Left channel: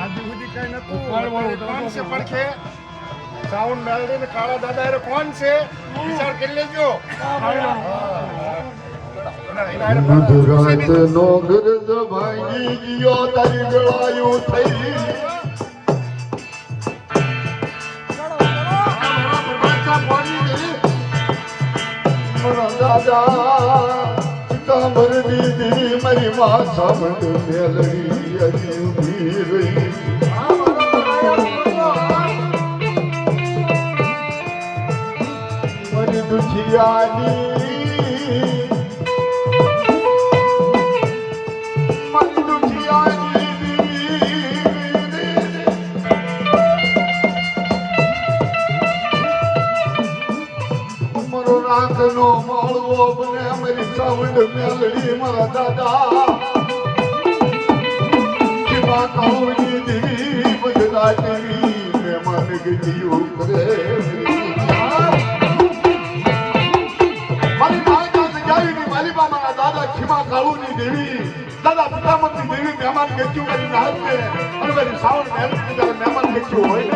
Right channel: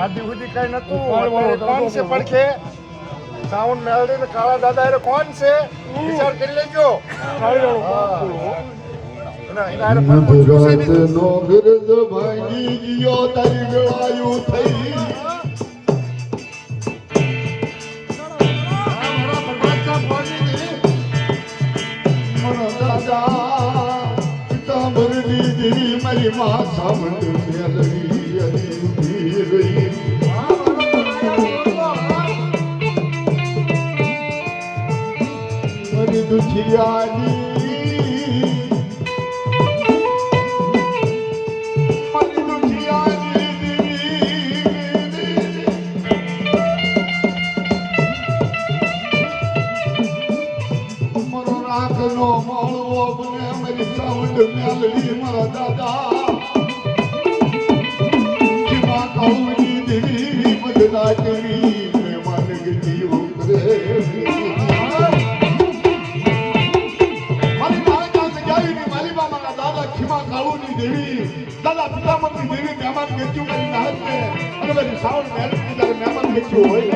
આદિ સુધી કઈ નતું કોણ છે પડખે સાઉન્ડ મેલડી ને કાળા દાદા એ કોણ છે વિચાર કરી લેજો મધરાત નો ગરજ ભાંગી ગયો તારી ગળાયું થઈ મારી માં સામંત મેલડી હરી ઉભી મારી દુખિયાની મેલડી મારા દાદા કિવા કૌની દેવી બદલાતી મહેમાન ગતિઓ કરે મારી મારા દાદા ખીમા કાળુની દેવી દાદા પિતામતી દેવી મહેમાન ગતિઓ કરી નાખે અને મારી સાવણ મહેમાન ગતિઓ હોય